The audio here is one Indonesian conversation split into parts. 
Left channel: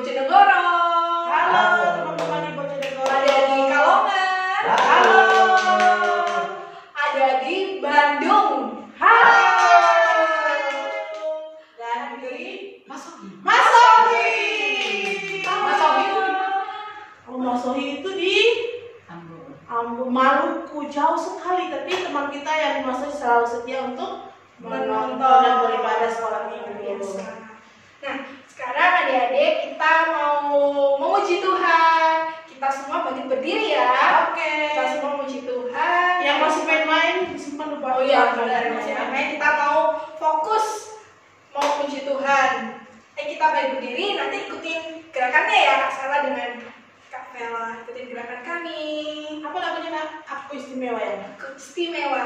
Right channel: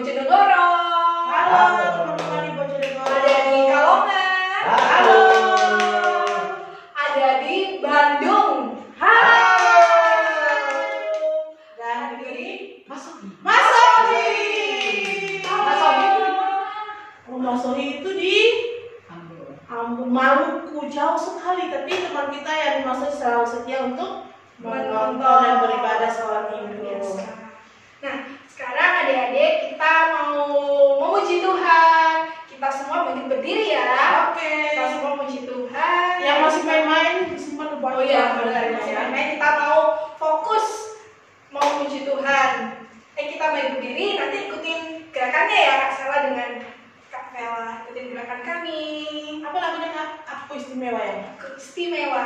Bojonegoro. Halo teman-teman di Bojonegoro. Ada di Kalongan. Halo. Ada di Bandung. Halo. Dan di Masohi. Masohi itu di Ambon, Maluku, jauh sekali. Tapi teman kita yang di Masohi selalu setia untuk menonton dan beribadah sholat Minggu. Nah, sekarang adik-adik kita mau memuji Tuhan. Kita semua berdiri ya. Oke. Kita semua memuji Tuhan. Yang masih main-main simpan dulu. Oh iya, benar. Masih main-main. Kita mau fokus mau memuji Tuhan. Kita baik berdiri. Nanti ikutin gerakannya ya Kak Sela dengan Kak Vela. Ikutin gerakan kami. Apa lagunya Kak? Aku istimewa ya. Aku istimewa.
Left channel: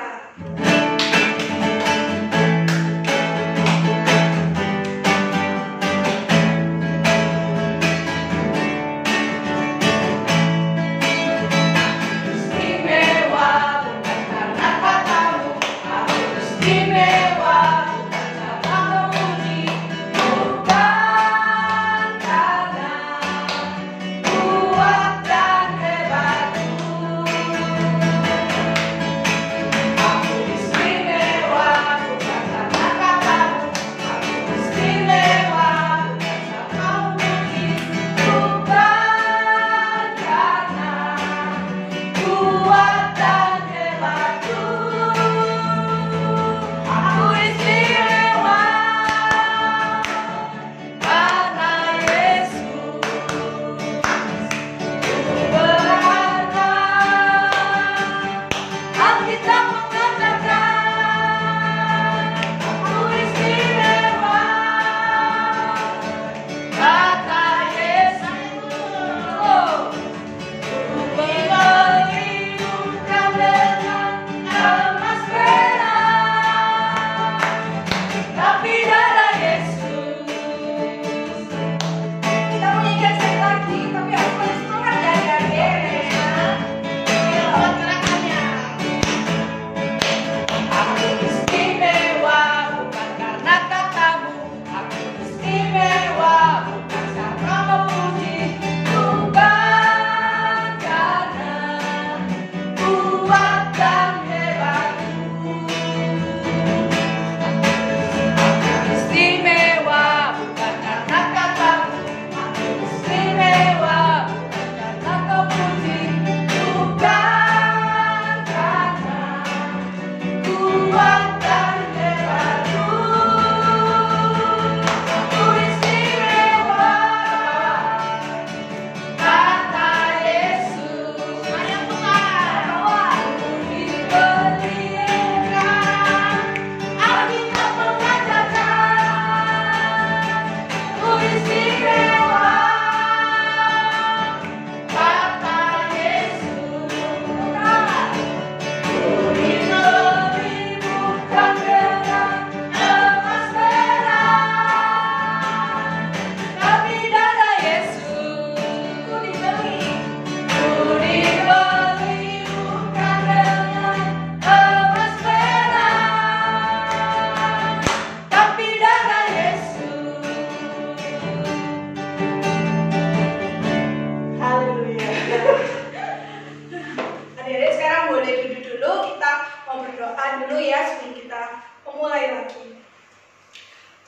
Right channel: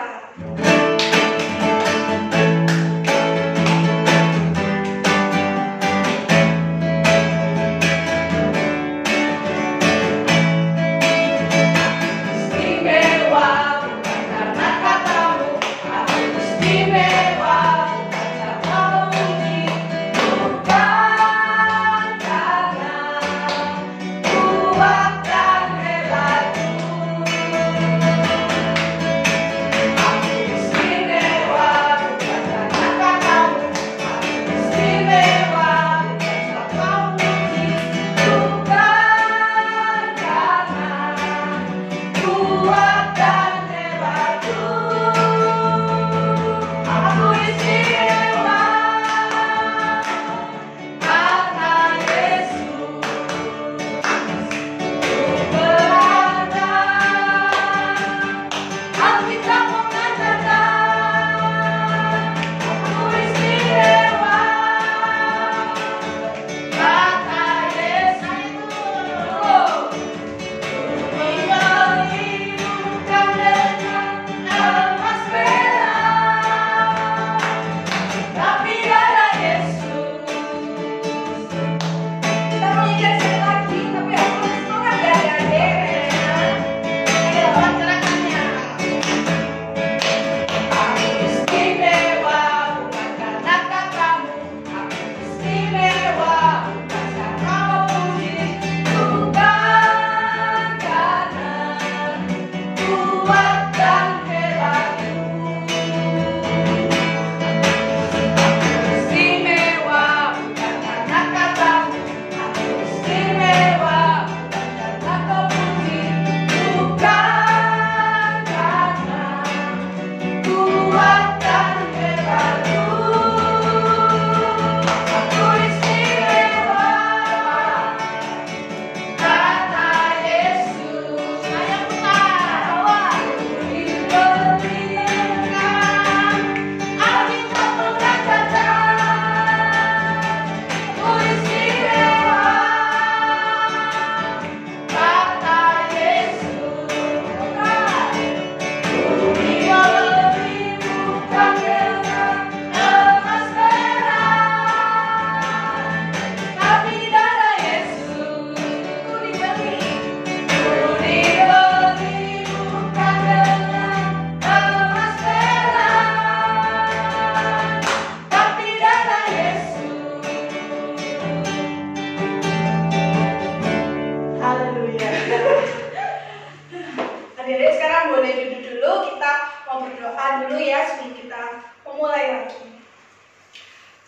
Adik-adik sekarang boleh duduk dulu, kita mau berdoa dulu ya sebelum kita memulai lagi.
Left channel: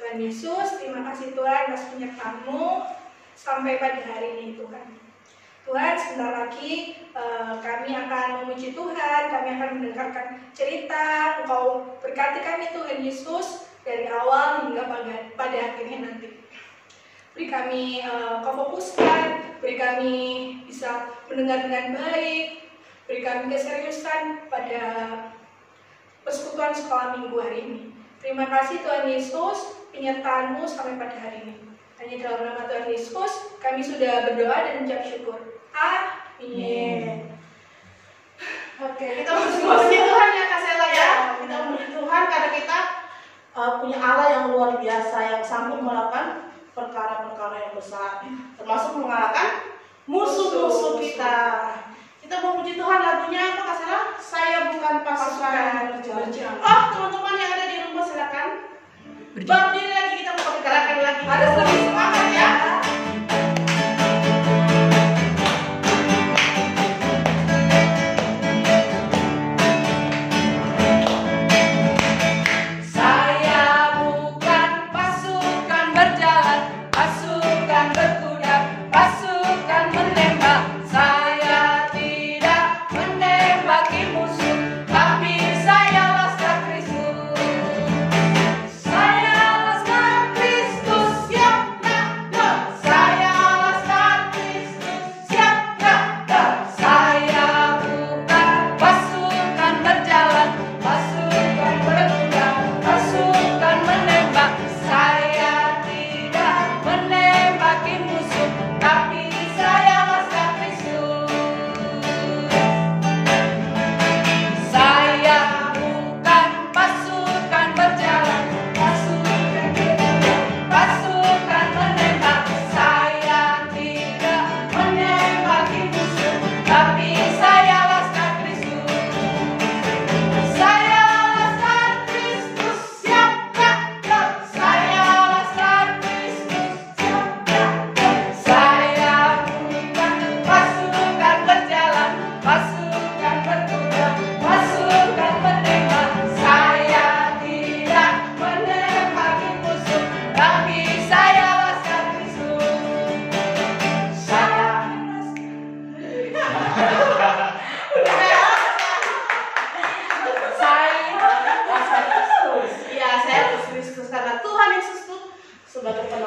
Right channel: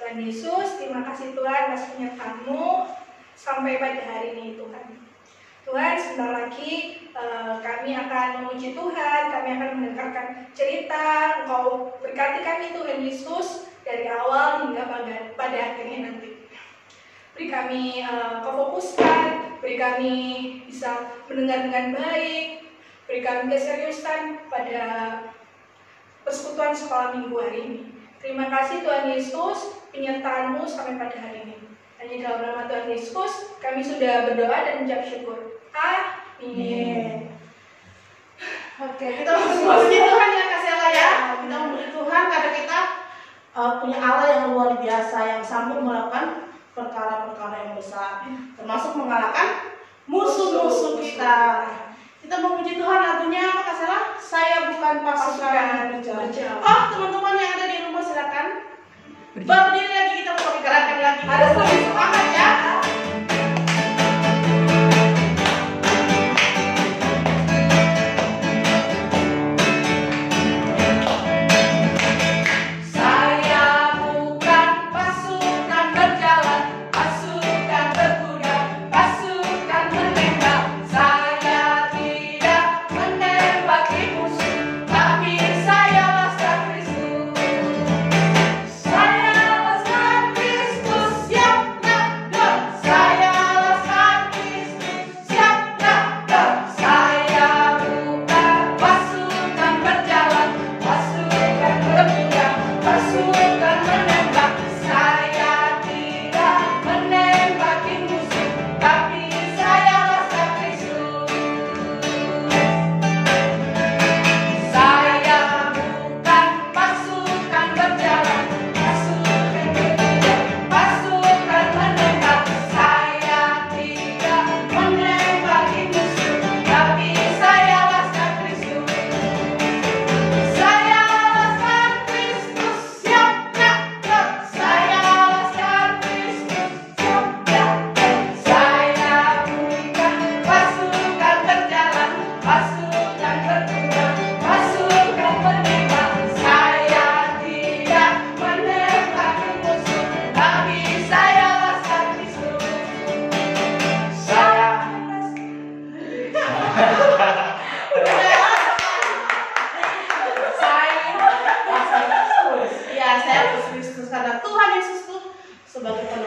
Tuhan Yesus, terima kasih Tuhan atas penyertaan-Mu sampai pada hari ini Tuhan. Tuhan, sebentar lagi kami akan memuji Tuhan, kami akan mendengarkan cerita, Engkau berkati kami Tuhan Yesus dari awal hingga pada akhirnya nanti. Beri kami kefokusan, beri kami bisa mendengar dengan baik, beri kami keseriusan pada persekutuan sekolah minggu hari ini. Terima kasih Tuhan Yesus, penyertaan-Mu sampai pada hari ini. Hanya dalam nama Tuhan Yesus, kami sudah berdoa dan mengucap syukur. Amin. Oke, kita memuji Tuhan ya Kak Sela ya. Kita memuji Tuhan karena kita punya Allah yang luar biasa, yang sanggup melakukan perkara-perkara yang besar, termasuk mengalahkan musuh-musuh kita. Kita memuji Tuhan, lagunya apa Kak Sela? Saya bukan pasukan berjalan. Oh, teman-teman yang ada di rumah silakan berdiri lagi, kita mau gerakan lagi. Ada semangat ya.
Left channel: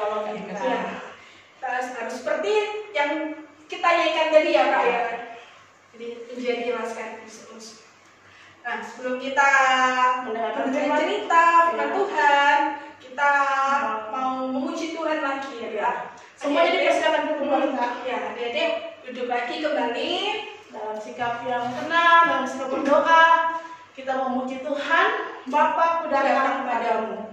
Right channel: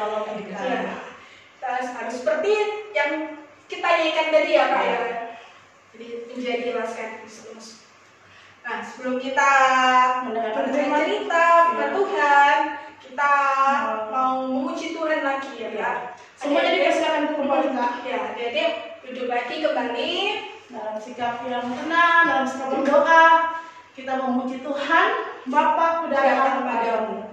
menolong kita. Ya. Kita harus seperti yang kita nyanyikan tadi ya Kak ya. Jadi menjadi laskar Kristus. Nah, sebelum kita mendengar cerita firman Tuhan, kita mau memuji Tuhan lagi ya Kak. Semuanya dipersilakan untuk kembali Kak. Ya, jadi duduk lagi kembali dalam sikap yang tenang, dalam sikap berdoa. Kita memuji Tuhan, Bapa, ku datang kepadamu.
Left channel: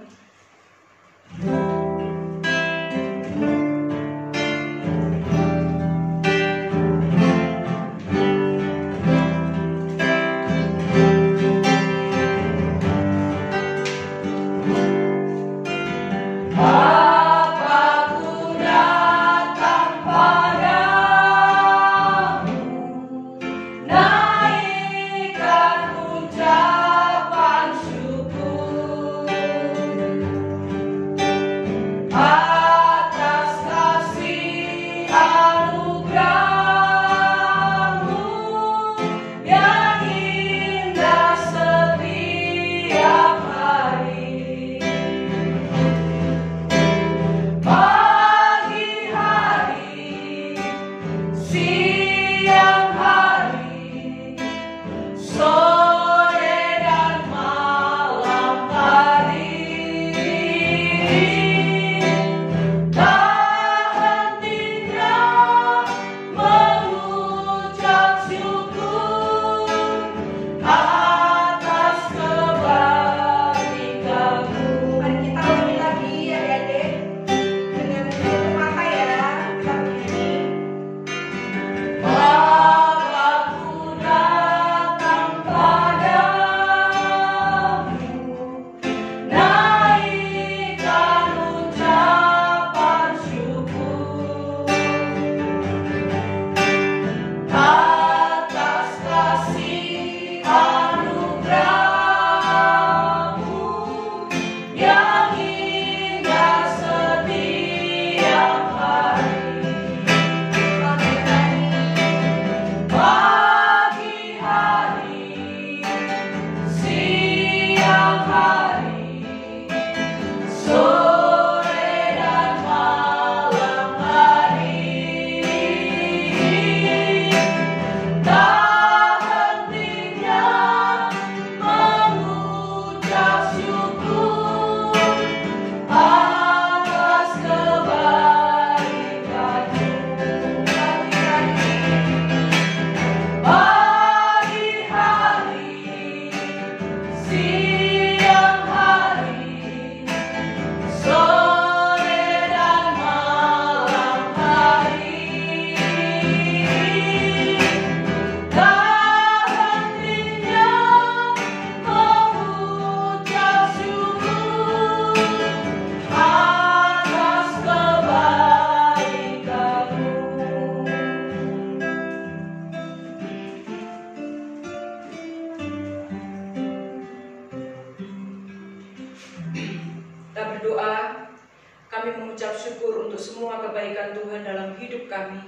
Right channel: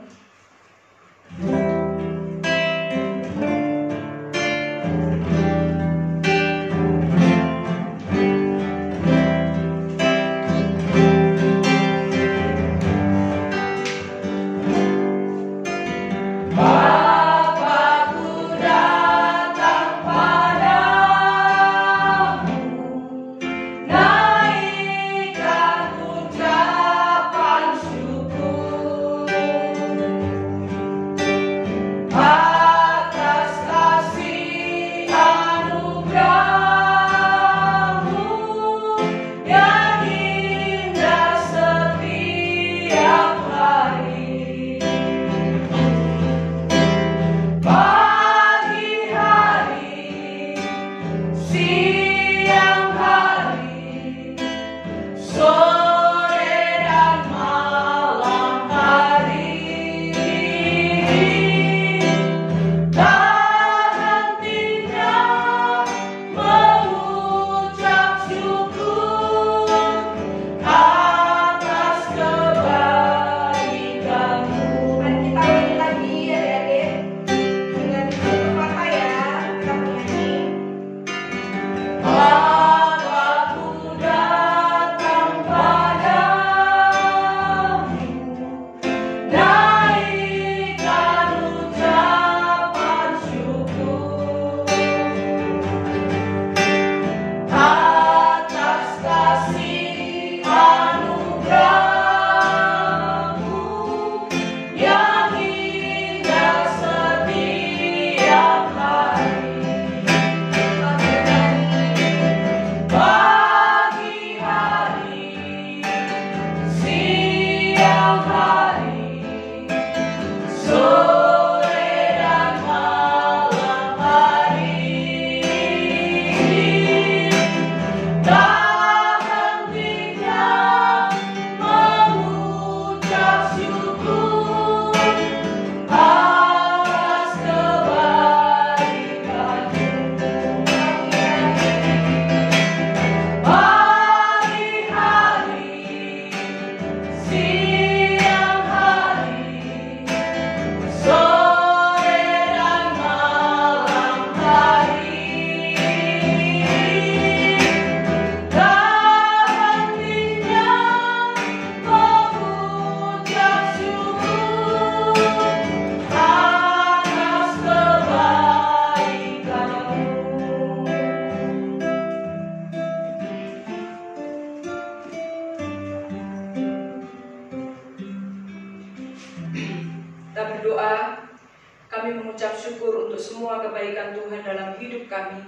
syukur untuk semua kebaikan Tuhan dalam hidup kami.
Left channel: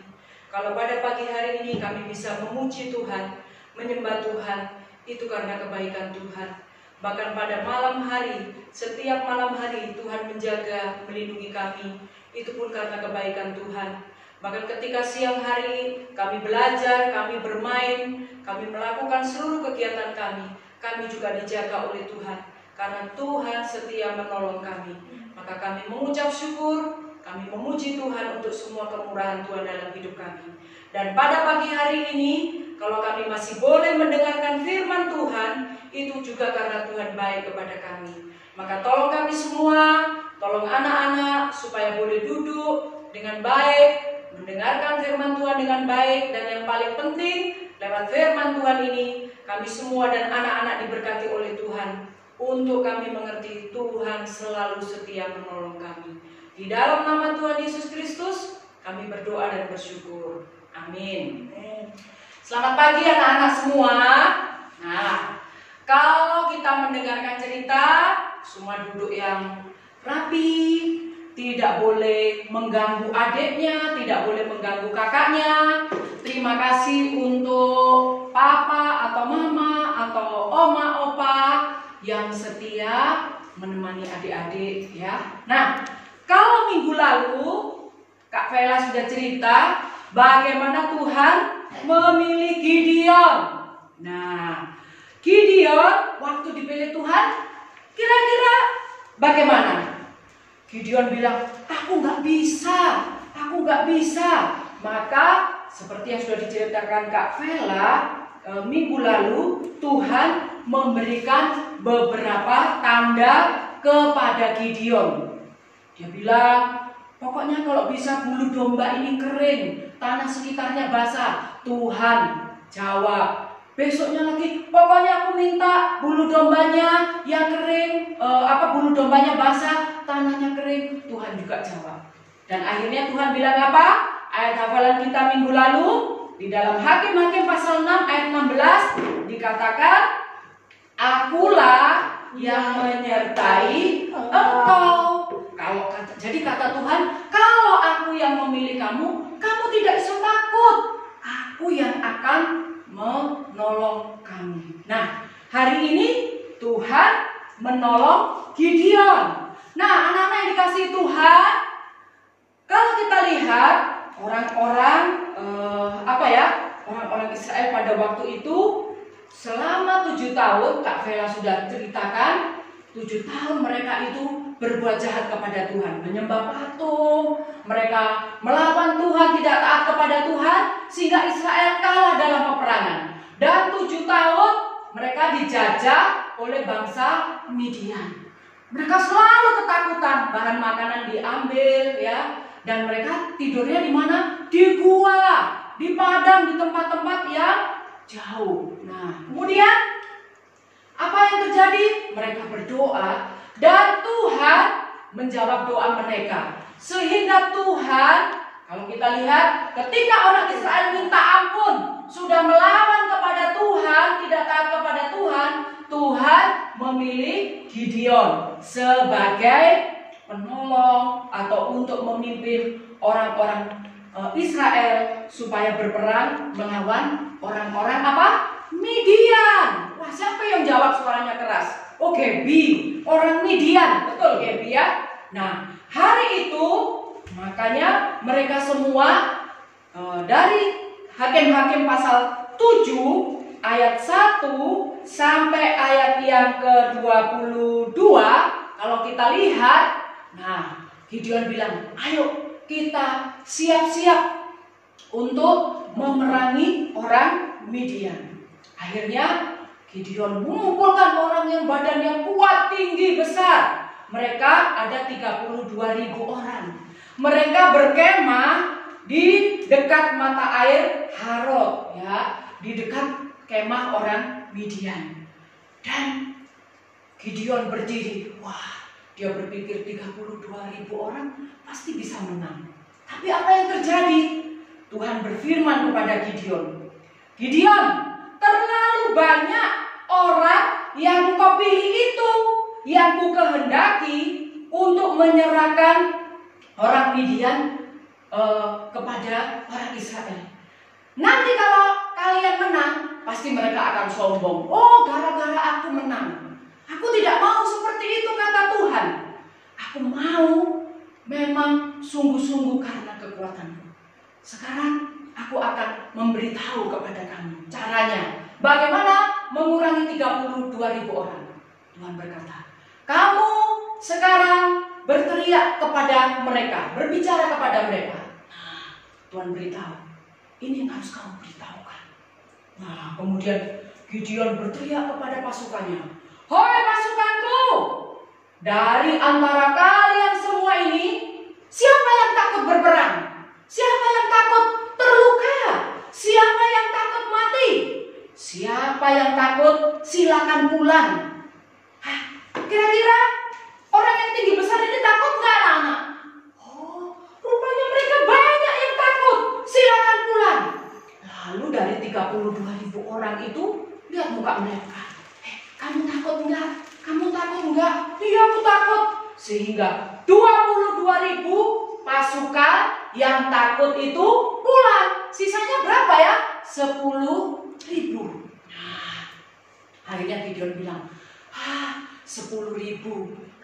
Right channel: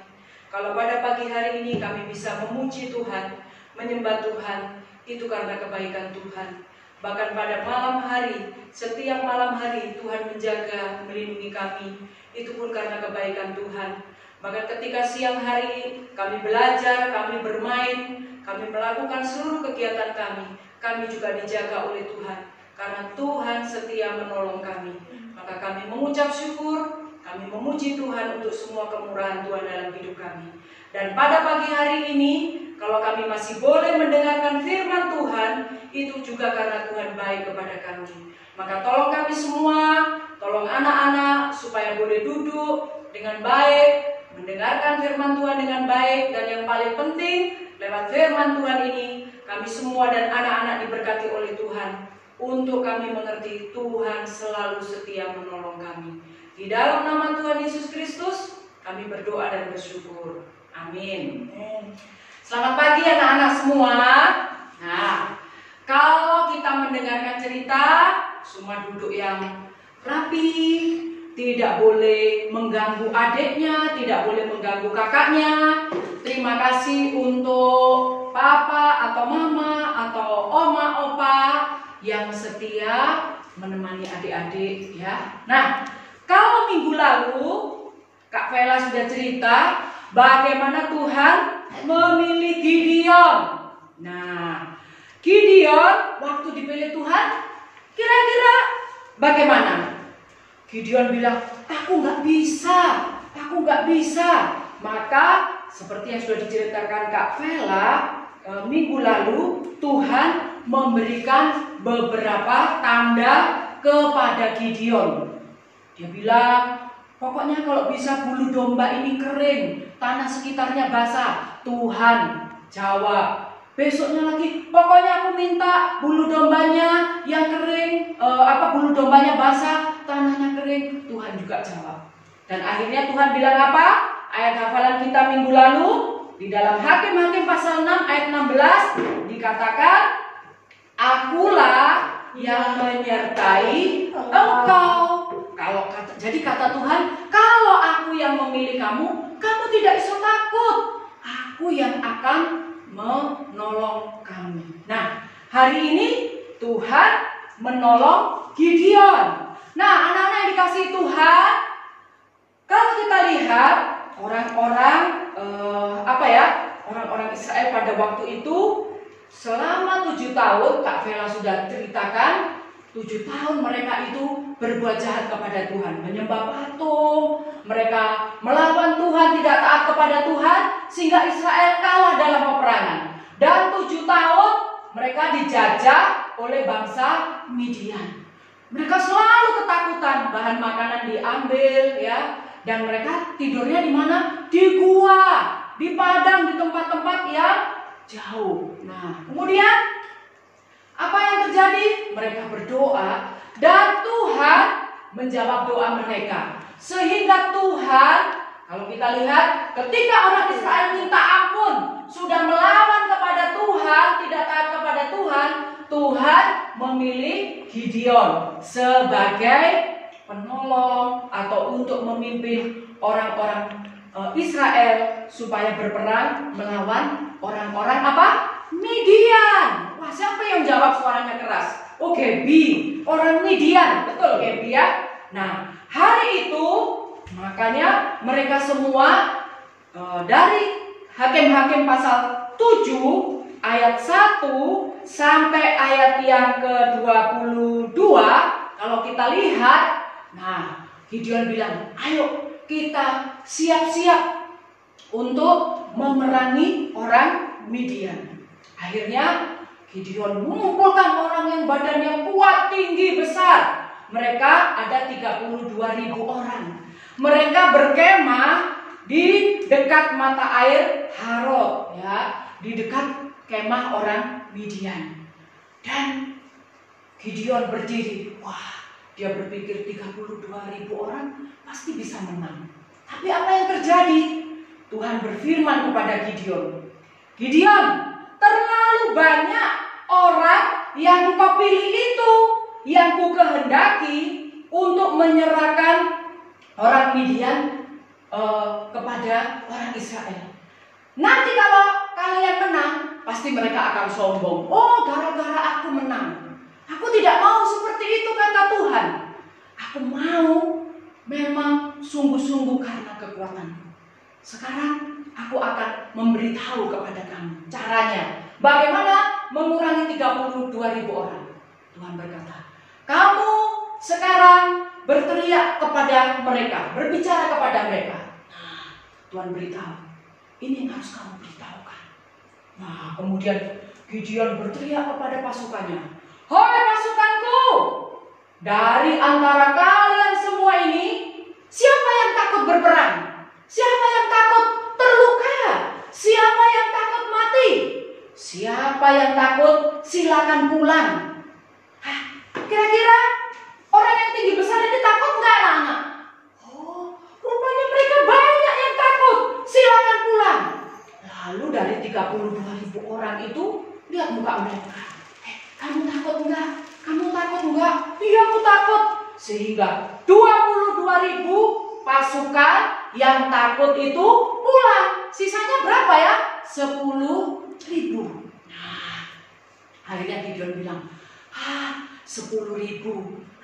Kalau pada pagi hari ini kami bisa memuji Tuhan, menyembah Tuhan, itu karena kebaikan Tuhan. Bahkan pada malam hari, setiap malam hari Tuhan menjaga, melindungi kami, itu pun karena kebaikan Tuhan. Bahkan ketika siang hari kami belajar, kami bermain, kami melakukan seluruh kegiatan kami juga dijaga oleh Tuhan. Karena Tuhan setia menolong kami. Maka kami mengucap syukur, kami memuji Tuhan untuk semua kemurahan Tuhan dalam hidup kami. Dan pada pagi hari ini, kalau kami masih boleh mendengarkan firman Tuhan, itu juga karena Tuhan baik kepada kami. Maka tolong kami semua, tolong anak-anak supaya boleh duduk dengan baik, mendengarkan firman Tuhan dengan baik, dan yang paling penting, lewat firman Tuhan ini, kami semua dan anak-anak diberkati oleh Tuhan. Untuk kami mengerti Tuhan selalu setia menolong kami. Di dalam nama Tuhan Yesus Kristus, kami berdoa dan bersyukur. Amin. Selamat pagi anak-anak semua. Nah, kalau kita mendengarkan cerita, semua duduk yang rapi, tidak boleh mengganggu adiknya, tidak boleh mengganggu kakaknya. Terima kasih untuk papa atau mama atau oma, opa yang setia menemani adik-adik ya. Nah, kalau minggu lalu Kak Vela sudah cerita bagaimana Tuhan memilih Gideon. Nah, Gideon waktu dipilih Tuhan, kira-kira bagaimana? Gideon bilang, aku nggak bisa. Maka seperti yang sudah diceritakan Kak Vela minggu lalu, Tuhan memberikan beberapa tanda kepada Gideon. Dia bilang, pokoknya kalau bisa bulu domba ini kering, tanah sekitarnya basah. Tuhan jawab. Besoknya lagi, pokoknya aku minta bulu dombanya yang kering, bulu dombanya basah, tanahnya kering. Tuhan juga jawab. Dan akhirnya Tuhan bilang apa? Ayat hafalan kita minggu lalu di dalam Hakim-Hakim pasal 6 ayat 16 dikatakan, akulah yang menyertai engkau. Jadi kata Tuhan, kalau aku yang memilih kamu, kamu tidak usah takut. Aku yang akan menolong kamu. Nah, hari ini Tuhan menolong Gideon. Nah, anak-anak yang dikasihi Tuhan, kalau kita lihat orang-orang orang-orang Israel pada waktu itu selama 7 tahun, Kak Vela sudah ceritakan, 7 tahun mereka itu berbuat jahat kepada Tuhan, menyembah patung, mereka melawan Tuhan, tidak taat kepada Tuhan, sehingga Israel kalah dalam peperangan. Dan 7 tahun mereka dijajah oleh bangsa Midian. Mereka selalu ketakutan, bahan makanan diambil, ya, dan mereka tidurnya di mana? Di gua, di padang, di tempat-tempat yang jauh. Nah, kemudian apa yang terjadi? Mereka berdoa dan Tuhan menjawab doa mereka. Sehingga Tuhan, kalau kita lihat, ketika orang Israel minta ampun, sudah melawan kepada Tuhan, tidak taat kepada Tuhan, Tuhan memilih Gideon sebagai penolong atau untuk memimpin orang-orang Israel supaya berperang melawan orang-orang apa? Midian. Wah, siapa yang jawab suaranya keras? Oh, Gebi, orang Midian. Betul, Gebi ya? Nah, hari itu makanya mereka semua dari Hakim-Hakim pasal 7 ayat 1 sampai ayat yang ke-22, kalau kita lihat, nah, Gideon bilang, ayo kita siap-siap untuk memerangi orang Midian. Akhirnya Gideon mengumpulkan orang yang badannya kuat, tinggi, besar. Mereka ada 32.000 orang. Mereka berkemah di dekat mata air Harod, ya, di dekat kemah orang Midian. Dan Gideon berdiri. Wah, dia berpikir 32.000 orang pasti bisa menang. Tapi apa yang terjadi? Tuhan berfirman kepada Gideon, Gideon, terlalu banyak orang yang kau pilih itu, yang ku kehendaki untuk menyerahkan orang Midian kepada orang Israel. Nanti kalau kalian menang, pasti mereka akan sombong. Oh, gara-gara aku menang. Aku tidak mau seperti itu, kata Tuhan. Aku mau memang sungguh-sungguh karena kekuatanku. Sekarang aku akan memberitahu kepada kamu caranya. Bagaimana mengurangi 32.000 orang. Tuhan berkata, kamu sekarang berteriak kepada mereka, berbicara kepada mereka. Nah, Tuhan beritahu, ini yang harus kamu beritahukan. Nah, kemudian Gideon berteriak kepada pasukannya, hai pasukanku, dari antara kalian semua ini, siapa yang takut berperang? Siapa yang takut terluka? Siapa yang takut mati? Siapa yang takut silakan pulang. Hah, kira-kira orang yang tinggi besar ini takut nggak, anak-anak? Oh, rupanya mereka banyak yang takut. Silakan pulang. Lalu dari 32.000 orang itu, lihat muka mereka. Kamu takut enggak? Kamu takut enggak? Iya, aku takut. Sehingga 22.000 pasukan yang takut itu pulang. Sisanya berapa ya? 10.000. Nah, akhirnya Gideon bilang, 10.000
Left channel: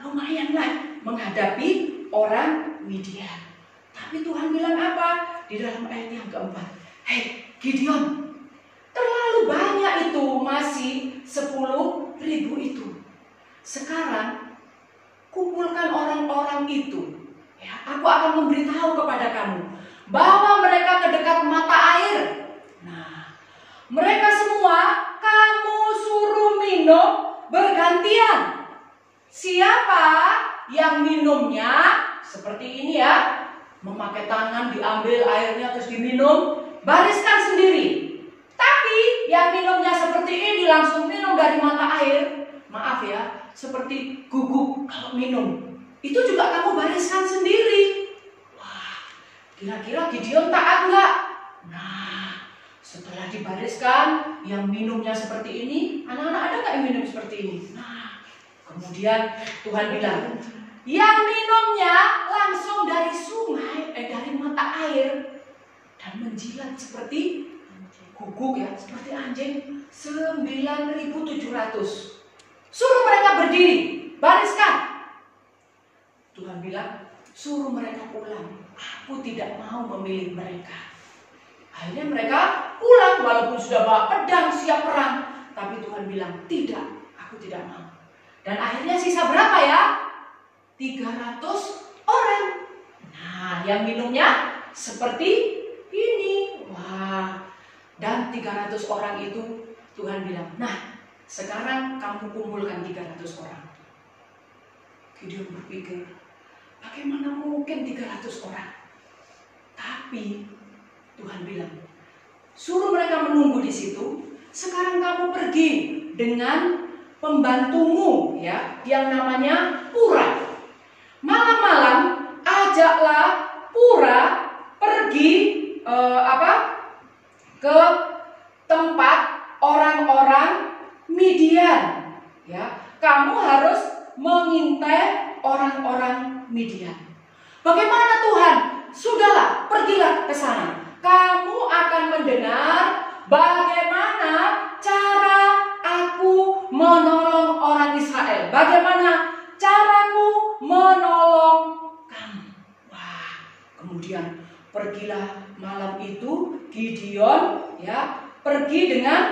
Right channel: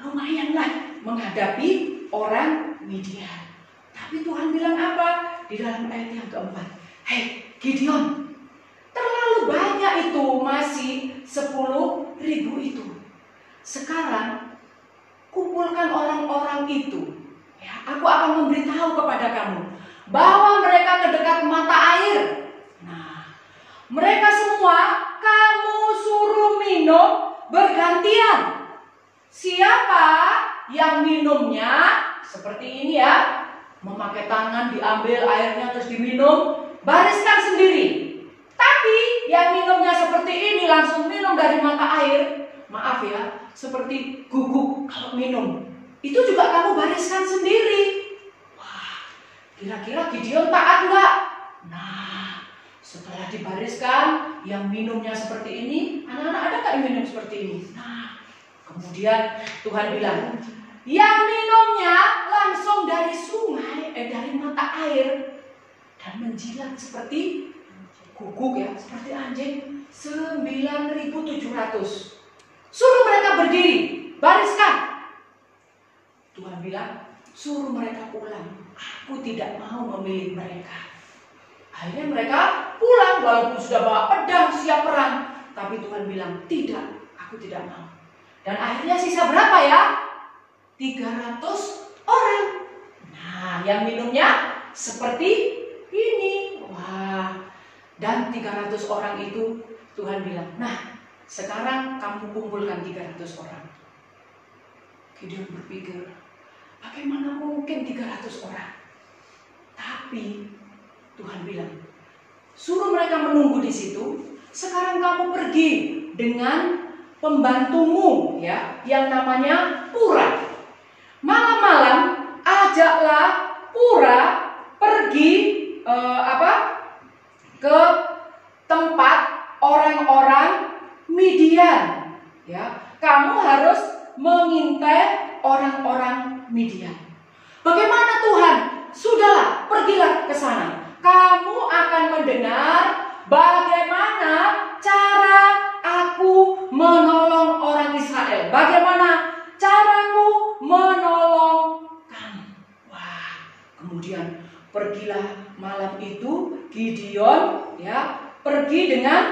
lumayan lah menghadapi orang Midian. Tapi Tuhan bilang apa? Di dalam ayat yang keempat. Hei Gideon, terlalu banyak itu, masih 10.000 itu. Sekarang kumpulkan orang-orang itu. Ya, aku akan memberitahu kepada kamu bahwa mereka ke dekat mata air. Nah, mereka semua kamu suruh minum bergantian. Siapa yang minumnya seperti ini ya, memakai tangan diambil airnya terus diminum, bariskan sendiri. Tapi yang minumnya seperti ini langsung minum dari mata air, maaf ya, seperti guguk kalau minum, itu juga kamu bariskan sendiri. Wah, kira-kira Gideon taat nggak? Nah, setelah dibariskan, yang minumnya seperti ini, anak-anak ada nggak yang minum seperti ini? Nah, kemudian Tuhan bilang, yang minumnya langsung dari sungai, dari mata air, dan menjilat seperti guguk ya, seperti anjing 9.700. Suruh mereka berdiri, bariskan. Tuhan bilang, suruh mereka pulang. Aku tidak mau memilih mereka. Akhirnya mereka pulang walaupun sudah bawa pedang siap perang. Tapi Tuhan bilang, tidak, aku tidak mau. Dan akhirnya sisa berapa ya? 300 orang. Nah, yang minumnya seperti ini. Wah, dan 300 orang itu Tuhan bilang, nah sekarang kamu kumpulkan 300 orang. Gideon berpikir, bagaimana mungkin 300 orang? Tapi Tuhan bilang, suruh mereka menunggu di situ. Sekarang kamu pergi dengan pembantumu ya, yang namanya Pura. Malam-malam ajaklah Pura pergi ke tempat orang-orang Midian. Ya, kamu harus mengintai orang-orang Midian. Bagaimana Tuhan? Sudahlah, pergilah ke sana. Kamu akan mendengar bagaimana cara aku menolong orang Israel. Bagaimana caraku menolong kamu. Wah, kemudian pergilah malam itu Gideon ya, pergi dengan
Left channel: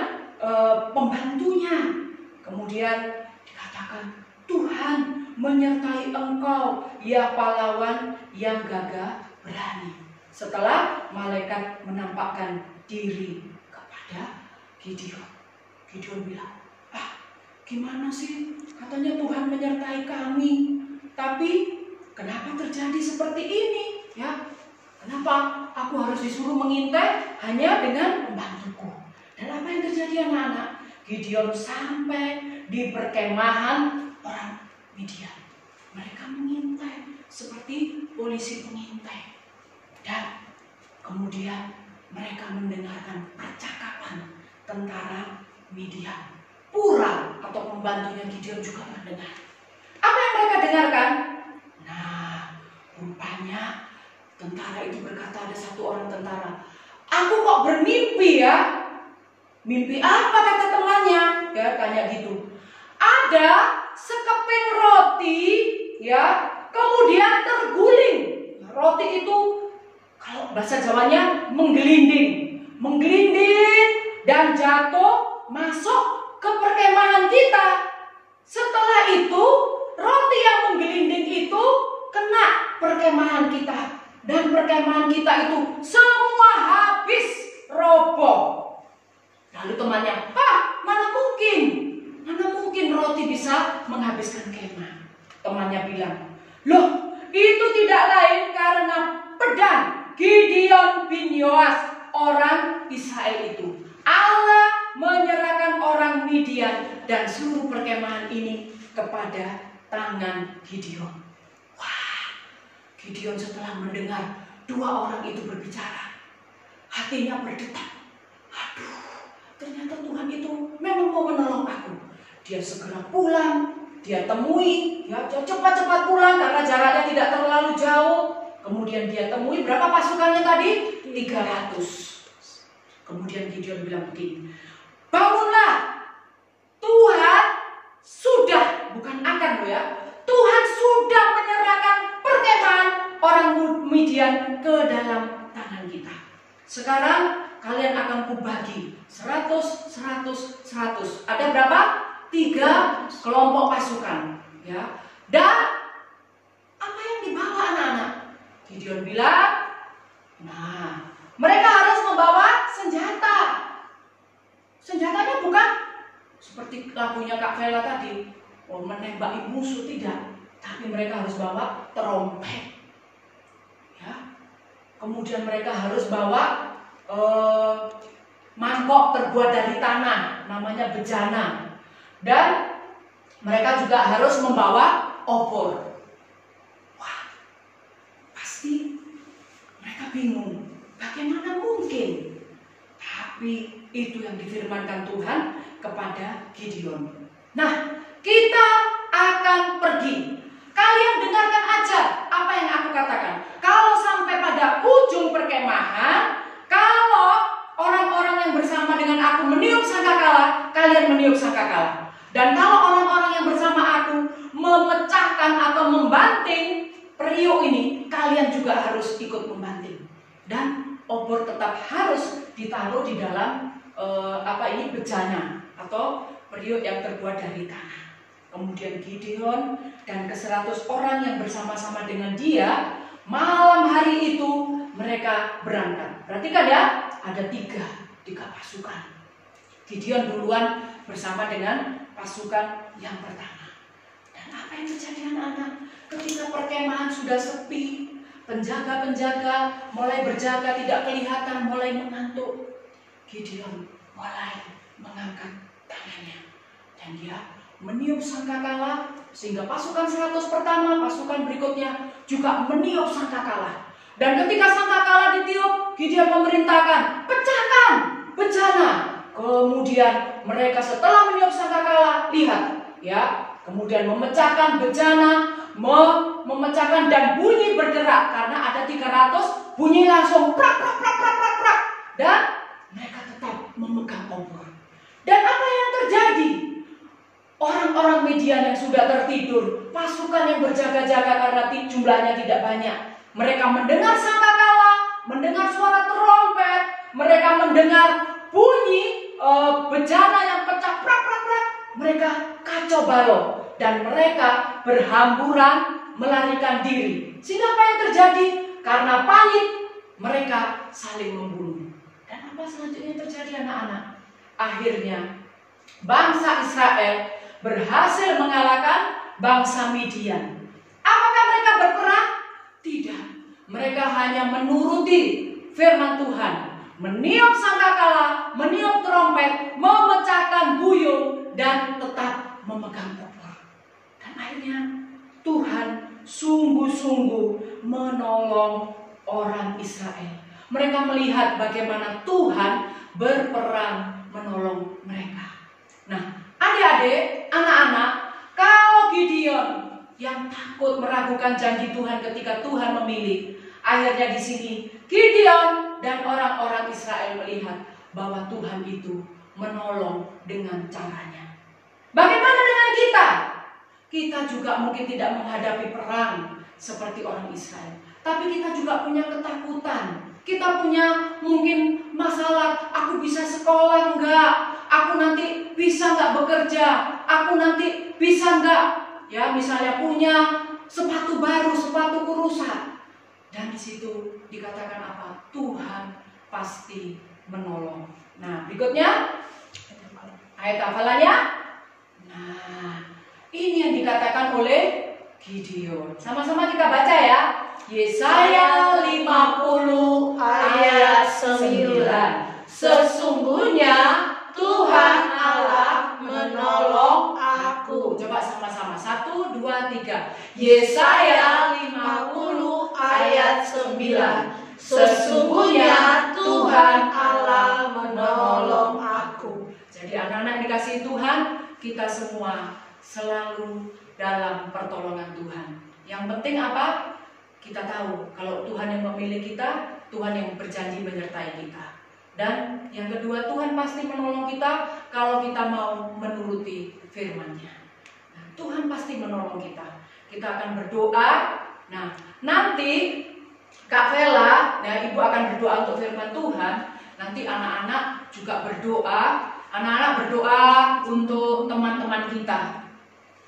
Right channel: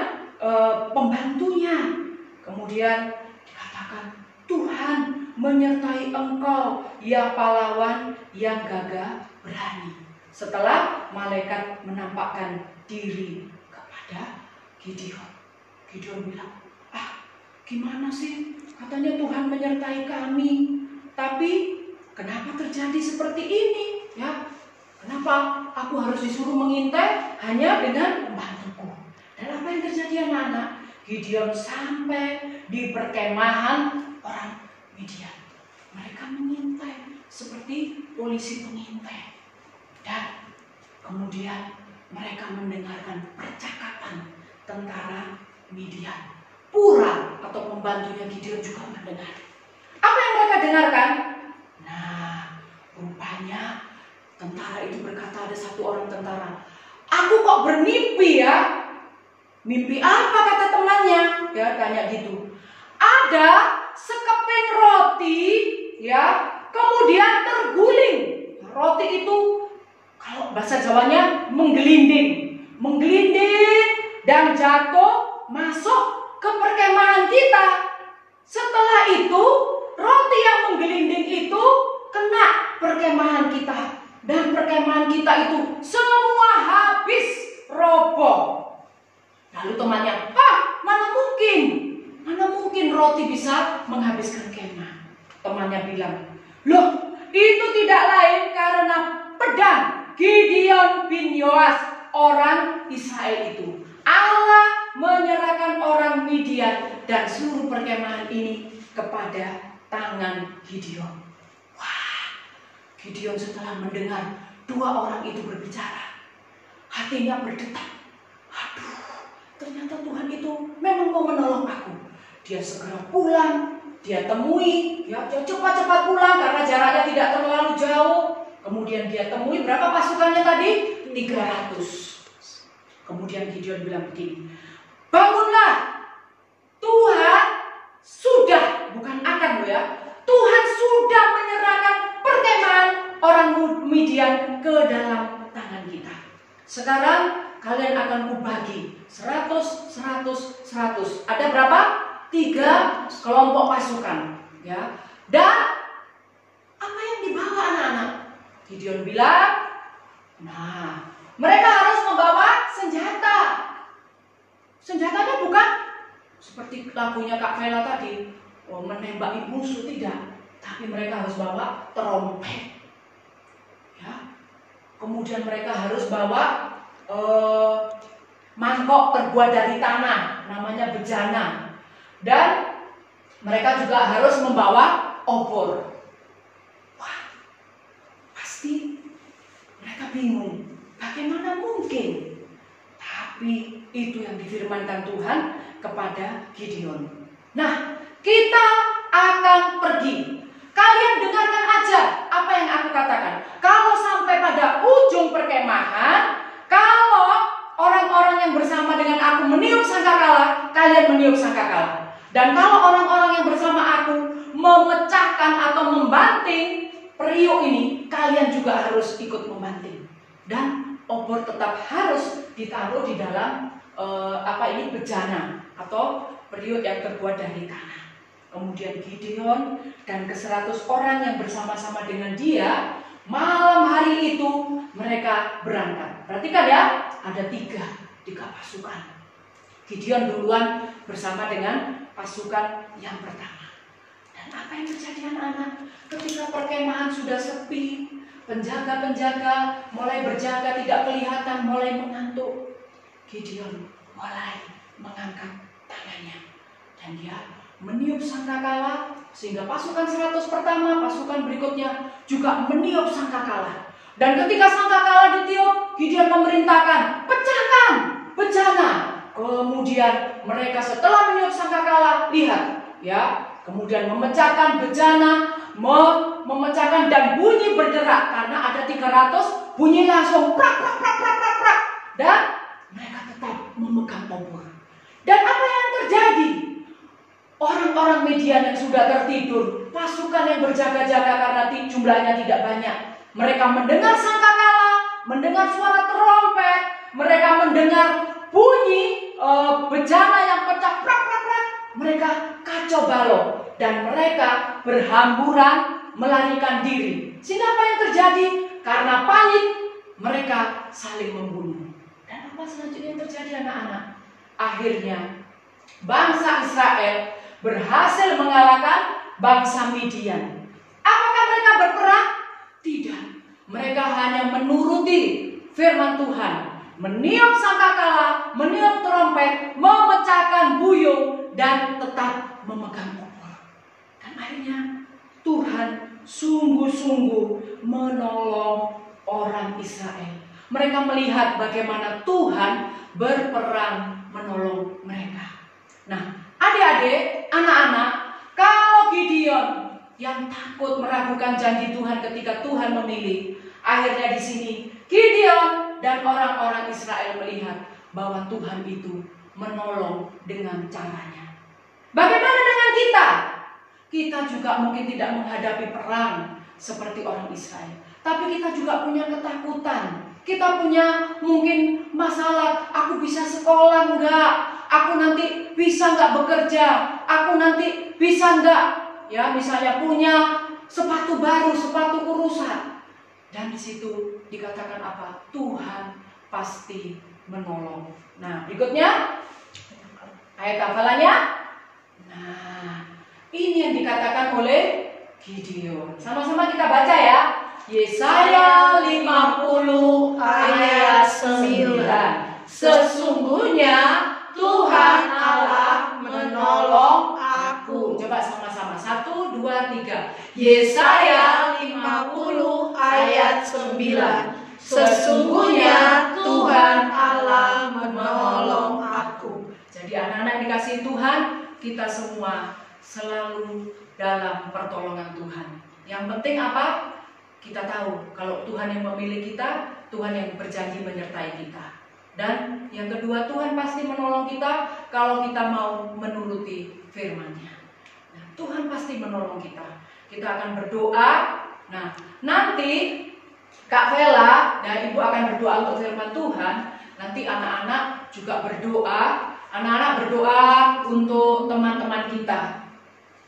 pembantunya. Kemudian dikatakan, Tuhan menyertai engkau ya pahlawan yang gagah berani. Setelah malaikat menampakkan diri kepada Gideon, Gideon bilang, gimana sih? Katanya Tuhan menyertai kami, tapi kenapa terjadi seperti ini? Ya, kenapa aku harus disuruh mengintai hanya dengan pembantuku? Dan apa yang terjadi anak-anak? Gideon sampai di perkemahan orang Midian. Mereka mengintai seperti polisi pengintai. Dan kemudian mereka mendengarkan percakapan tentara Midian. Pura atau pembantunya Gideon juga mendengar. Apa yang mereka dengarkan? Nah, rupanya tentara itu berkata, ada satu orang tentara, aku kok bermimpi ya. Mimpi apa kata temannya? Ya, tanya gitu. Ada sekeping roti ya, kemudian terguling. Roti itu kalau bahasa Jawanya menggelinding dan jatuh masuk ke perkemahan kita. Setelah itu roti yang menggelinding itu kena perkemahan kita, dan perkemahan kita itu semua habis, roboh. Lalu temannya, mana mungkin roti bisa menghabiskan kemah. Temannya bilang, loh, itu tidak lain karena pedang Gideon bin Yoas orang Israel itu. Allah menyerahkan orang Midian dan seluruh perkemahan ini kepada tangan Gideon. Wah, Gideon setelah mendengar dua orang itu berbicara, hatinya berdetak. Aduh, ternyata Tuhan itu memang mau menolong aku. Dia segera pulang, dia temui, ya, dia cepat-cepat pulang karena jaraknya tidak terlalu jauh. Kemudian dia temui, berapa pasukannya tadi? 300. Kemudian Gideon bilang begini, bangunlah, Tuhan sudah, bukan akan ya, Tuhan sudah menyerahkan orang Midian ke dalam tangan kita. Sekarang kalian akan kubagi 100, 100, 100. Ada berapa? 3 kelompok pasukan, ya. Dan apa yang dibawa anak-anak? Gideon bilang, nah, mereka harus membawa senjata. Senjatanya bukan seperti lagunya Kak Vela tadi, menembaki musuh, tidak. Tapi mereka harus bawa trompet, ya. Kemudian mereka harus bawa mangkok terbuat dari tanah, namanya bejana. Dan mereka juga harus membawa obor. Wah, pasti mereka bingung, bagaimana mungkin? Tapi itu yang difirmankan Tuhan kepada Gideon. Nah, kita akan pergi. Kalian dengarkan aja apa yang aku katakan. Kalau sampai pada ujung perkemahan, kalau orang-orang yang bersama dengan aku meniup sangkakala, kalian meniup sangkakala. Dan kalau orang-orang yang bersama aku memecahkan atau membanting periuk ini, kalian juga harus ikut membanting. Dan obor tetap harus ditaruh di dalam bejana atau periuk yang terbuat dari tanah. Kemudian Gideon dan ke-100 orang yang bersama-sama dengan dia, malam hari itu mereka berangkat. Perhatikan ya, ada tiga pasukan. Gideon duluan bersama dengan pasukan yang pertama. Dan apa yang terjadi anak-anak? Ketika perkemahan sudah sepi, penjaga-penjaga mulai berjaga tidak kelihatan, mulai mengantuk. Gideon mulai mengangkat tangannya dan dia meniup sangkakala, sehingga pasukan 100 pertama, pasukan berikutnya juga meniup sangkakala. Dan ketika sangkakala ditiup, Gideon memerintahkan, pecahkan bejana. Kemudian mereka setelah meniup sangkakala, lihat ya, kemudian memecahkan bejana, memecahkan dan bunyi bergerak karena ada 300, bunyi langsung prak prak prak prak prak prak. Dan mereka tetap memegang obor. Dan apa yang terjadi? Orang-orang Midian yang sudah tertidur, pasukan yang berjaga-jaga karena jumlahnya tidak banyak, mereka mendengar sangkakala, mendengar suara trompet, mereka mendengar bunyi bejana yang pecah prak prak prak. Mereka kacau balau dan mereka berhamburan melarikan diri. Sehingga apa yang terjadi? Karena panik, mereka saling membunuh. Dan apa selanjutnya yang terjadi anak-anak? Akhirnya bangsa Israel berhasil mengalahkan bangsa Midian. Apakah mereka berperang? Tidak. Mereka hanya menuruti firman Tuhan, meniup sangkakala, meniup trompet, memecahkan buyung dan tetap memegang obor. Dan akhirnya Tuhan sungguh-sungguh menolong orang Israel. Mereka melihat bagaimana Tuhan berperang menolong mereka. Nah, adik-adik, anak-anak, kalau Gideon yang takut meragukan janji Tuhan ketika Tuhan memilih, akhirnya di sini Gideon dan orang-orang Israel melihat bahwa Tuhan itu menolong dengan caranya. Bagaimana dengan kita? Kita juga mungkin tidak menghadapi perang seperti orang Israel, tapi kita juga punya ketakutan. Kita punya mungkin masalah, aku bisa sekolah enggak? Aku nanti bisa enggak bekerja? Aku nanti bisa enggak? Ya, misalnya punya sepatu baru, sepatuku rusak. Dan di situ dikatakan apa? Tuhan pasti menolong. Nah, berikutnya ayat hafalannya. Nah, ini yang dikatakan oleh Gideon. Sama-sama kita baca ya. Yesaya 50 ayat 9. Sesungguhnya Tuhan Allah menolong aku. Coba sama-sama. 1, 2, 3. Yesaya 50 ayat 9. Sesungguhnya Tuhan Allah menolong aku. Jadi anak-anak dikasih Tuhan, kita semua selalu dalam pertolongan Tuhan. Yang penting apa? Kita tahu kalau Tuhan yang memilih kita, Tuhan yang berjanji menyertai kita. Dan yang kedua, Tuhan pasti menolong kita kalau kita mau menuruti firman-Nya. Nah, Tuhan pasti menolong kita. Kita akan berdoa Nah, nanti Kak Vela, nah Ibu akan berdoa untuk firman Tuhan. Nanti anak-anak juga berdoa. Anak-anak berdoa untuk teman-teman kita.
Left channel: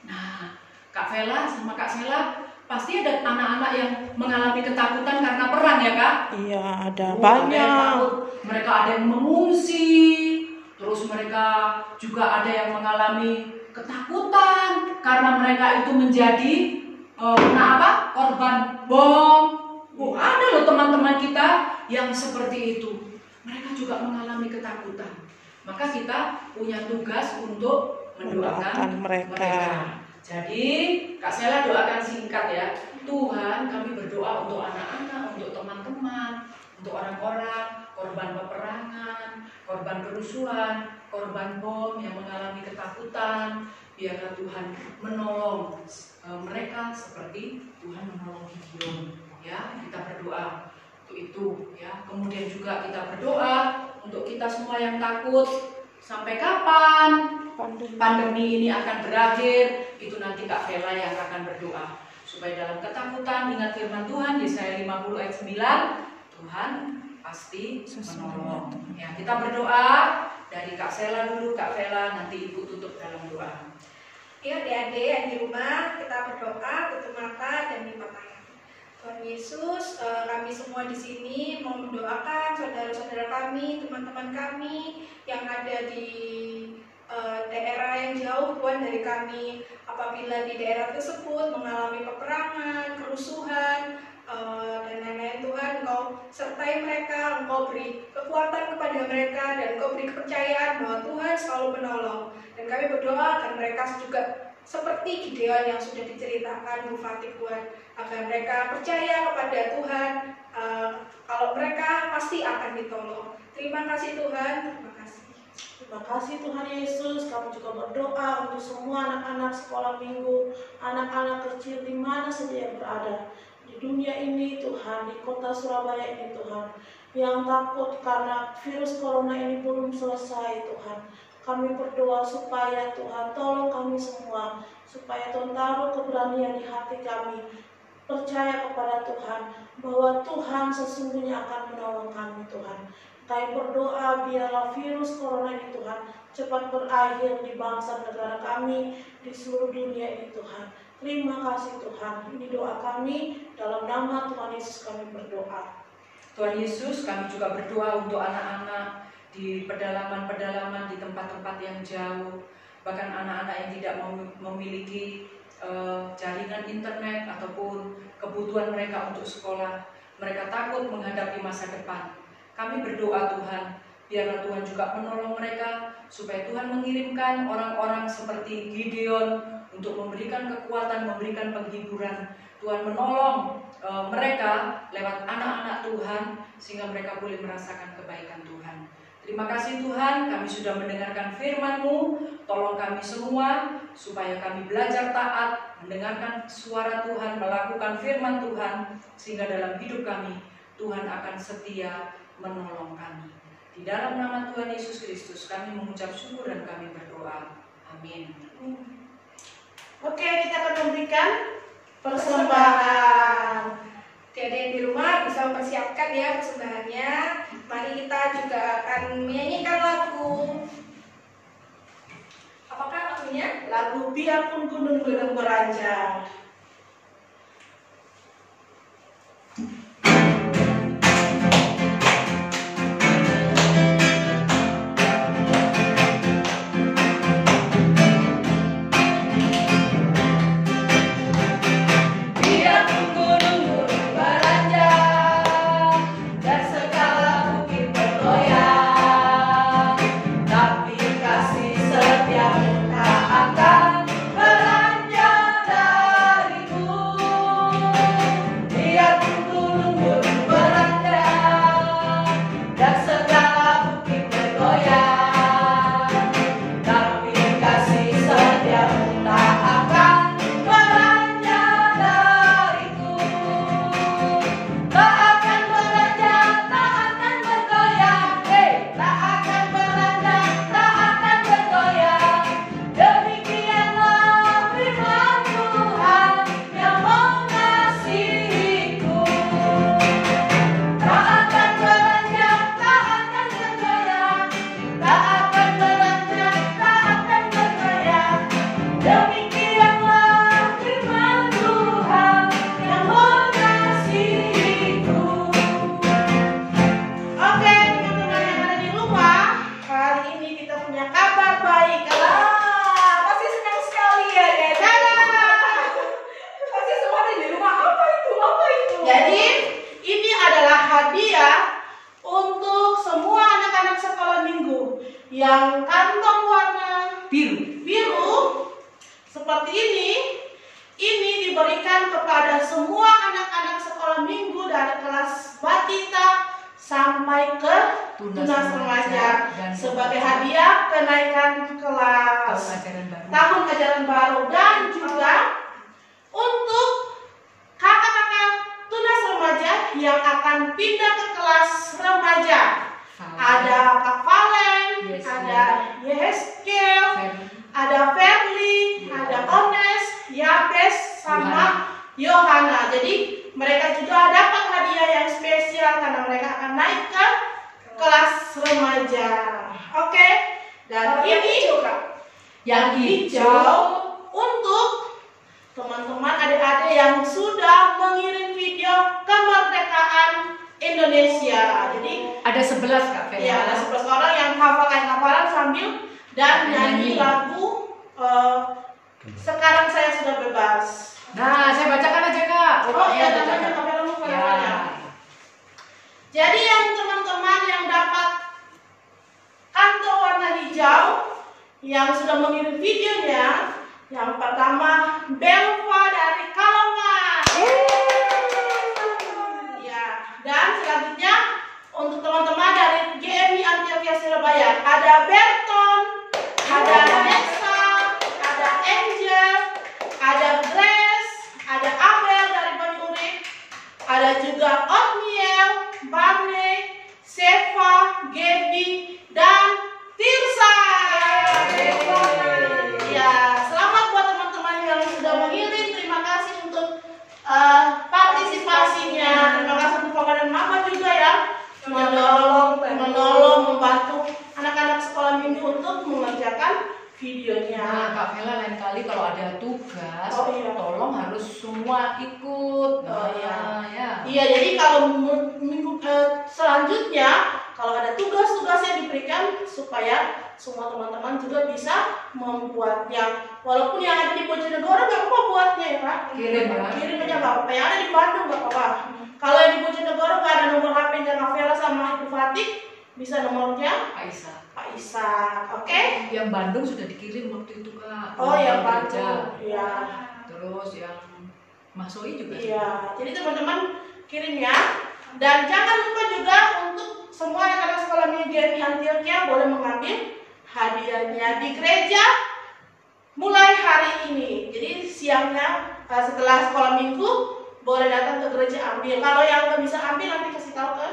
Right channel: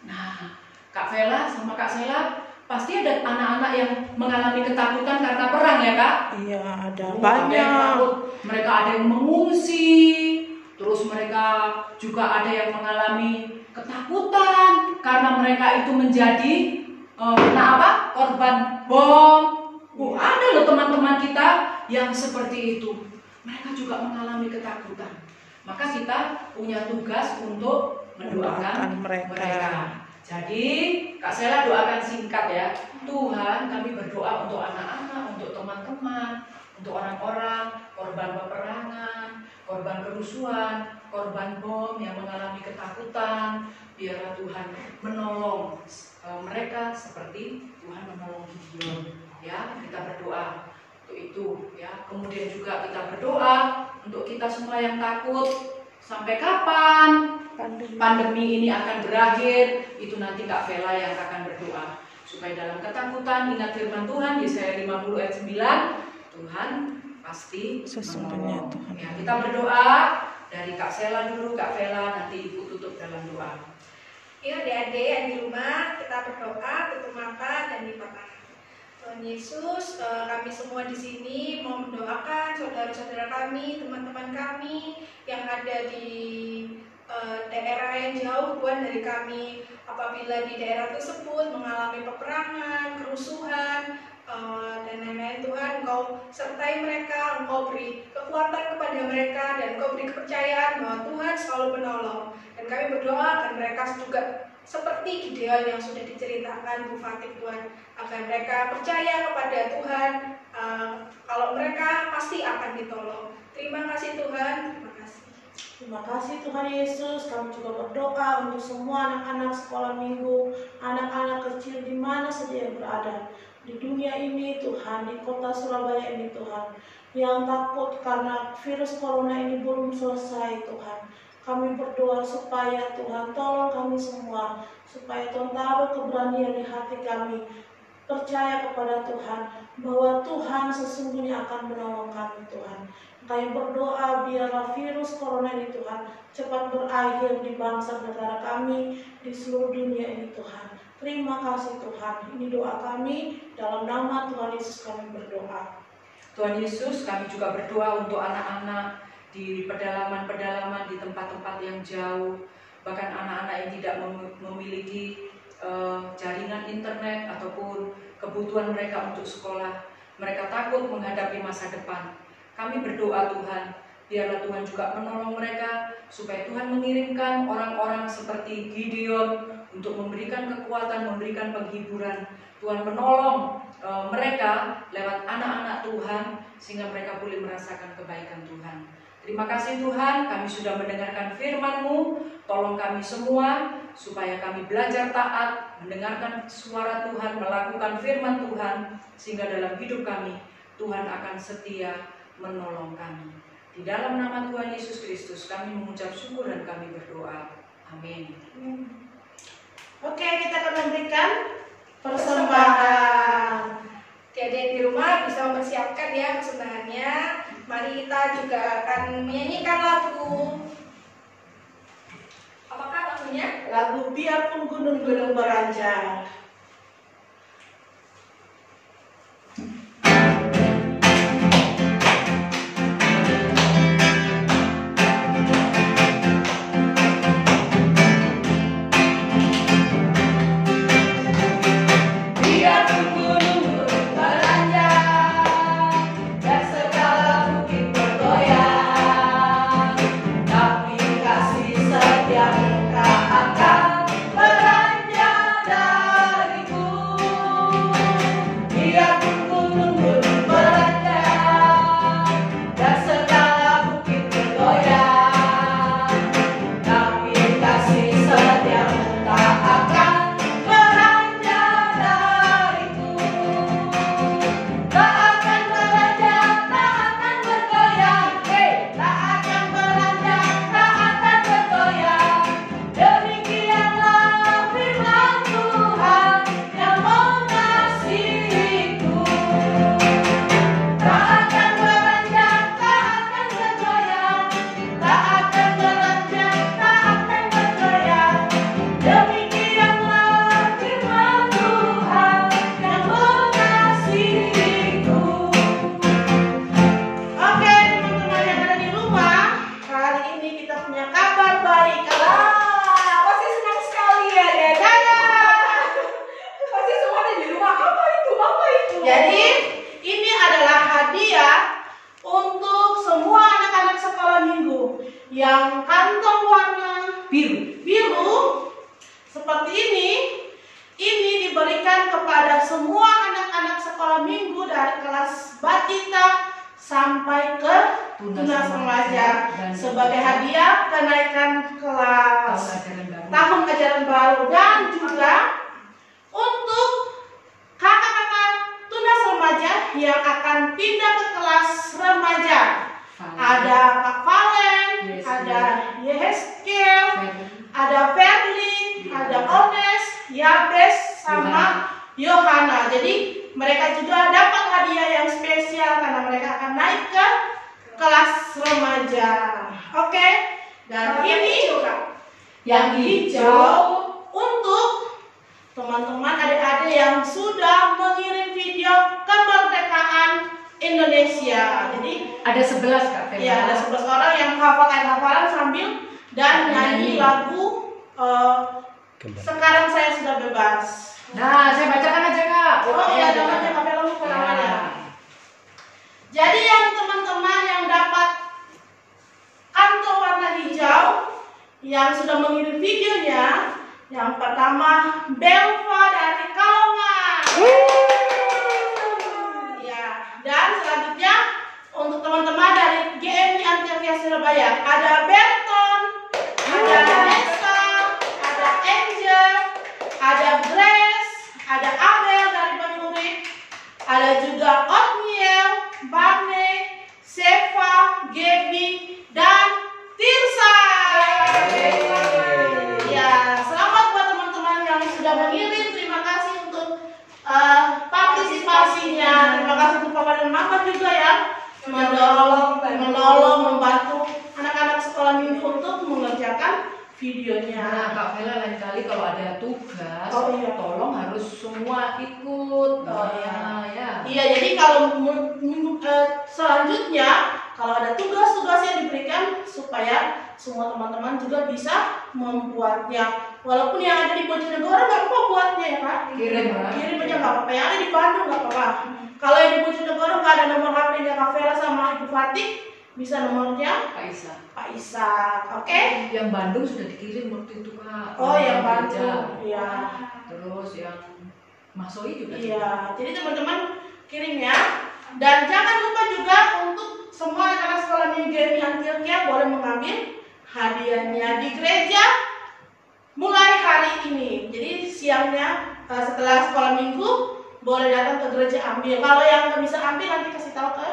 Nah, Kak Vela sama Kak Sela, pasti ada anak-anak yang mengalami ketakutan karena perang ya Kak? Iya, ada Ada yang banyak. takut, mereka ada yang mengungsi, terus mereka juga ada yang mengalami ketakutan karena mereka itu menjadi korban bom. Ada loh teman-teman kita yang seperti itu. Mereka juga mengalami ketakutan. Maka kita punya tugas untuk mendoakan mereka. Jadi Kak Sela doakan singkat ya. Tuhan, kami berdoa untuk anak-anak, untuk teman-teman, untuk orang-orang korban peperangan, korban kerusuhan, korban bom yang mengalami ketakutan. Biarlah Tuhan menolong mereka seperti Tuhan menolong Gideon. Ya, kita berdoa untuk itu ya. Kemudian juga kita berdoa untuk kita semua yang takut. Sampai kapan pandemi ini akan berakhir? Itu nanti Kak Vela yang akan berdoa. Supaya dalam ketakutan ingat firman Tuhan Yesaya 50 ayat 9, Tuhan pasti menolong. Ya, kita berdoa dari Kak Sela dulu, Kak Vela, nanti Ibu tutup dalam doa. Yuk adik-adik yang di rumah kita berdoa, tutup mata dan lipat tangan. Tuhan Yesus, kami semua di sini mau mendoakan saudara-saudara kami, teman-teman kami yang ada di daerah yang jauh Tuhan dari kami. Apabila di daerah tersebut mengalami peperangan, kerusuhan, dan lain-lain, Tuhan Engkau sertai mereka, Engkau beri kekuatan kepada mereka, dan Engkau beri kepercayaan bahwa Tuhan selalu menolong. Dan kami berdoa agar mereka juga seperti Gideon yang sudah diceritakan Bu Fatih Tuhan, agar mereka percaya kepada Tuhan, kalau mereka pasti akan ditolong. Terima kasih Tuhan, terima kasih. Terima kasih Tuhan Yesus. Kami juga berdoa untuk semua anak-anak sekolah minggu, anak-anak kecil di mana saja yang berada di dunia ini Tuhan, di kota Surabaya ini Tuhan, yang takut karena virus corona ini belum selesai Tuhan. Kami berdoa supaya Tuhan tolong kami semua, supaya Tuhan taruh keberanian di hati kami, percaya kepada Tuhan bahwa Tuhan sesungguhnya akan menolong kami Tuhan. Kami berdoa biarlah virus corona ini Tuhan cepat berakhir di bangsa negara kami, di seluruh dunia ini Tuhan. Terima kasih Tuhan. Ini doa kami, dalam nama Tuhan Yesus kami berdoa. Tuhan Yesus, kami juga berdoa untuk anak-anak di pedalaman-pedalaman, di tempat-tempat yang jauh, bahkan anak-anak yang tidak memiliki jaringan internet ataupun kebutuhan mereka untuk sekolah. Mereka takut menghadapi masa depan. Kami berdoa Tuhan, biarlah Tuhan juga menolong mereka, supaya Tuhan mengirimkan orang-orang seperti Gideon untuk memberikan kekuatan, memberikan penghiburan. Tuhan menolong mereka lewat anak-anak Tuhan, sehingga mereka boleh merasakan kebaikan Tuhan. Terima kasih Tuhan, kami sudah mendengarkan firman-Mu. Tolong kami semua supaya kami belajar taat, mendengarkan suara Tuhan, melakukan firman Tuhan, sehingga dalam hidup kami Tuhan akan setia menolong kami. Di dalam nama Tuhan Yesus Kristus kami mengucap syukur dan kami berdoa. Amin. Oke, kita akan memberikan persembahan. Adik-adik di rumah bisa mempersiapkan ya persembahannya. Mari kita juga akan menyanyikan lagu. Apakah lagunya? Lagu Biarpun Gunung-Gunung Beranjak. Kasih setiamu tak akan beranjak. remaja untuk semua anak-anak sekolah minggu yang kantong warna biru seperti ini diberikan kepada semua anak-anak sekolah minggu dari kelas batita sampai ke tunas remaja sebagai hadiah kenaikan kelas tahun ajaran baru, dan juga untuk kakak-kakak tunas remaja yang akan pindah ke kelas remaja. Ada Kak Valen, ada Yeheskel, ada Verly, ada Ones, Yabes, sama Yohana. Jadi mereka juga dapat hadiah yang spesial karena mereka akan naik ke kelas remaja. Oke. Dan ini yang hijau untuk teman-teman adik-adik yang sudah mengirim video kemerdekaan Indonesia. Jadi ada 11 Kak Vela. Ya, ada 11 orang yang hafalan sambil dan nyanyi lagu Sekarang Saya Sudah Bebas. Nah, saya bacakan aja Kak. Oh iya, namanya Kak Vela lupa namanya. Jadi yang teman-teman yang dapat kantong warna hijau yang sudah mengirim videonya, yang pertama Belva dari Kalongan. Ya, dan selanjutnya untuk teman-teman dari GMI Antioquia Surabaya ada Berton, ada Nessa, ada Angel, ada Grace, ada Abel dari Banyurik, ada juga Otniel, Barney, Seva, Gaby, dan Tirsa. Ya, selamat buat teman-teman yang sudah mengirim. Terima kasih untuk partisipasinya. Terima kasih untuk Papa dan Mama juga ya menolong, membantu anak-anak sekolah minggu untuk mengerjakan videonya. Nah, Kak Vela lain kali kalau ada tugas, tolong harus semua ikut. Iya, jadi kalau selanjutnya kalau ada tugas-tugas yang diberikan supaya semua teman-teman juga bisa membuatnya. Walaupun yang ada di Bojonegoro nggak apa-apa buatnya ya Kak. Kirim aja nggak apa-apa. Yang ada di Bandung nggak apa-apa. Kalau yang di Bojonegoro nggak ada nomor HP-nya Kak Vela sama Ibu Fatih, bisa nomornya Pak Isa. Oke? Yang Bandung sudah dikirim waktu itu Kak. Oh, yang Bandung. Iya. Terus yang Masoi juga. Iya. Jadi teman-teman kirim ya. Dan jangan lupa juga untuk semua anak-anak sekolah minggu GMI Antioquia boleh mengambil hadiahnya di gereja mulai hari ini. Jadi siangnya setelah sekolah minggu boleh datang ke gereja ambil. Kalau yang nggak bisa ambil nanti kasih tahu ke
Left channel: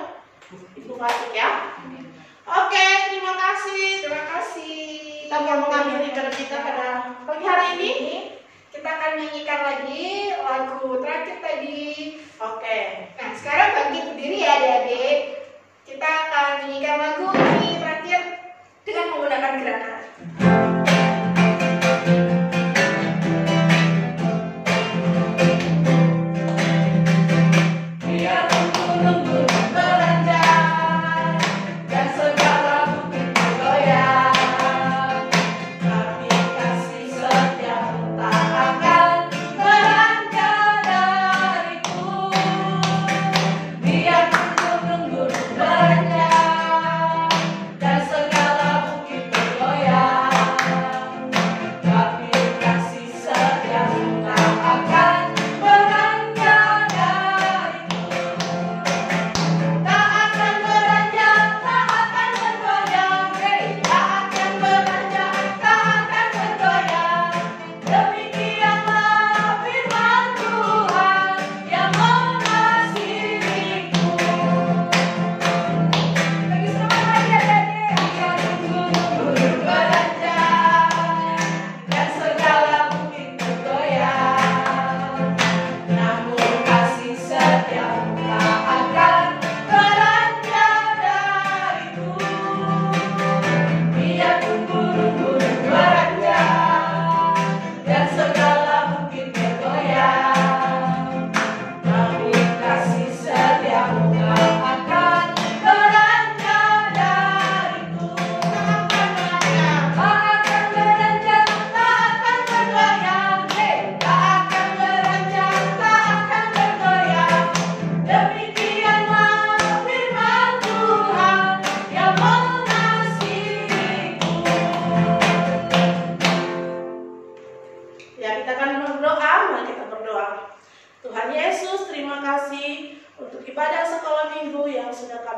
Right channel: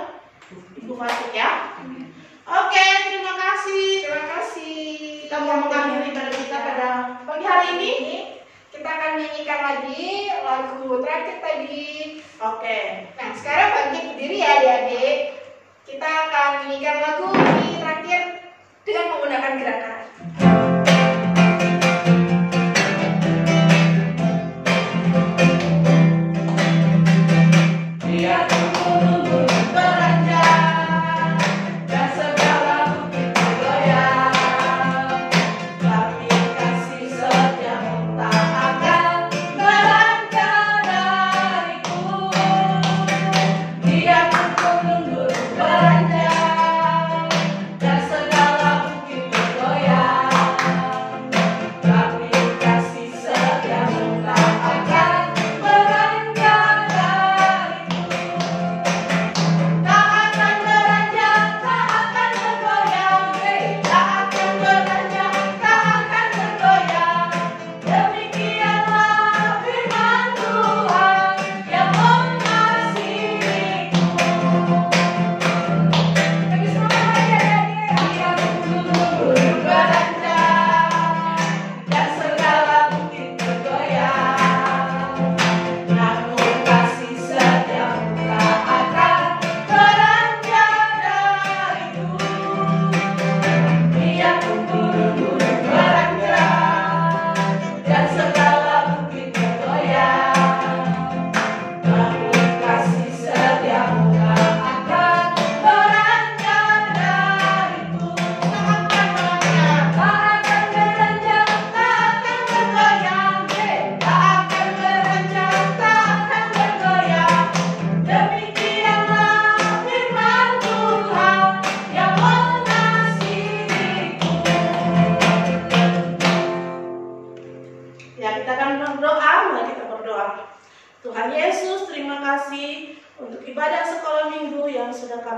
Ibu Fatih ya. Oke, terima kasih. Terima kasih. Kita mau mengambil ibadah kita pada pagi hari ini. Kita akan nyanyikan lagi lagu terakhir tadi. Oke. Nah, sekarang bangkit berdiri ya adik-adik. Kita akan nyanyikan lagu ini terakhir dengan menggunakan gerakan. Biar gunung-gunung beranjak dan segala bukit bergoyang, tapi kasih setiamu tak akan beranjak dariku. Biar gunung-gunung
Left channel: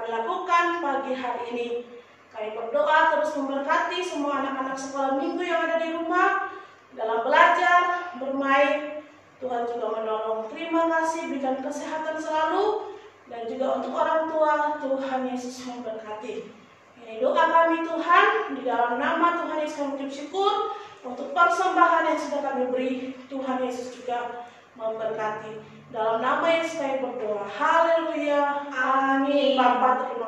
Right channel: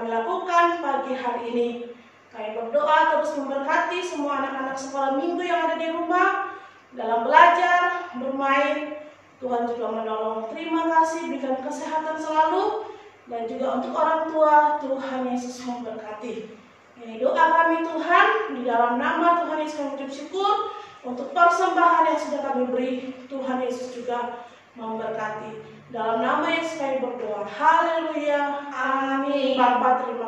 kami lakukan pagi hari ini. Kami berdoa terus memberkati semua anak-anak sekolah minggu yang ada di rumah, dalam belajar, bermain. Tuhan juga menolong. Terima kasih, berikan kesehatan selalu. Dan juga untuk orang tua, Tuhan Yesus memberkati. Ini doa kami Tuhan, di dalam nama Tuhan Yesus kami mengucap syukur untuk persembahan yang sudah kami beri. Tuhan Yesus juga memberkati. Dalam nama Yesus kami berdoa. Haleluya. Amin. Bapa terima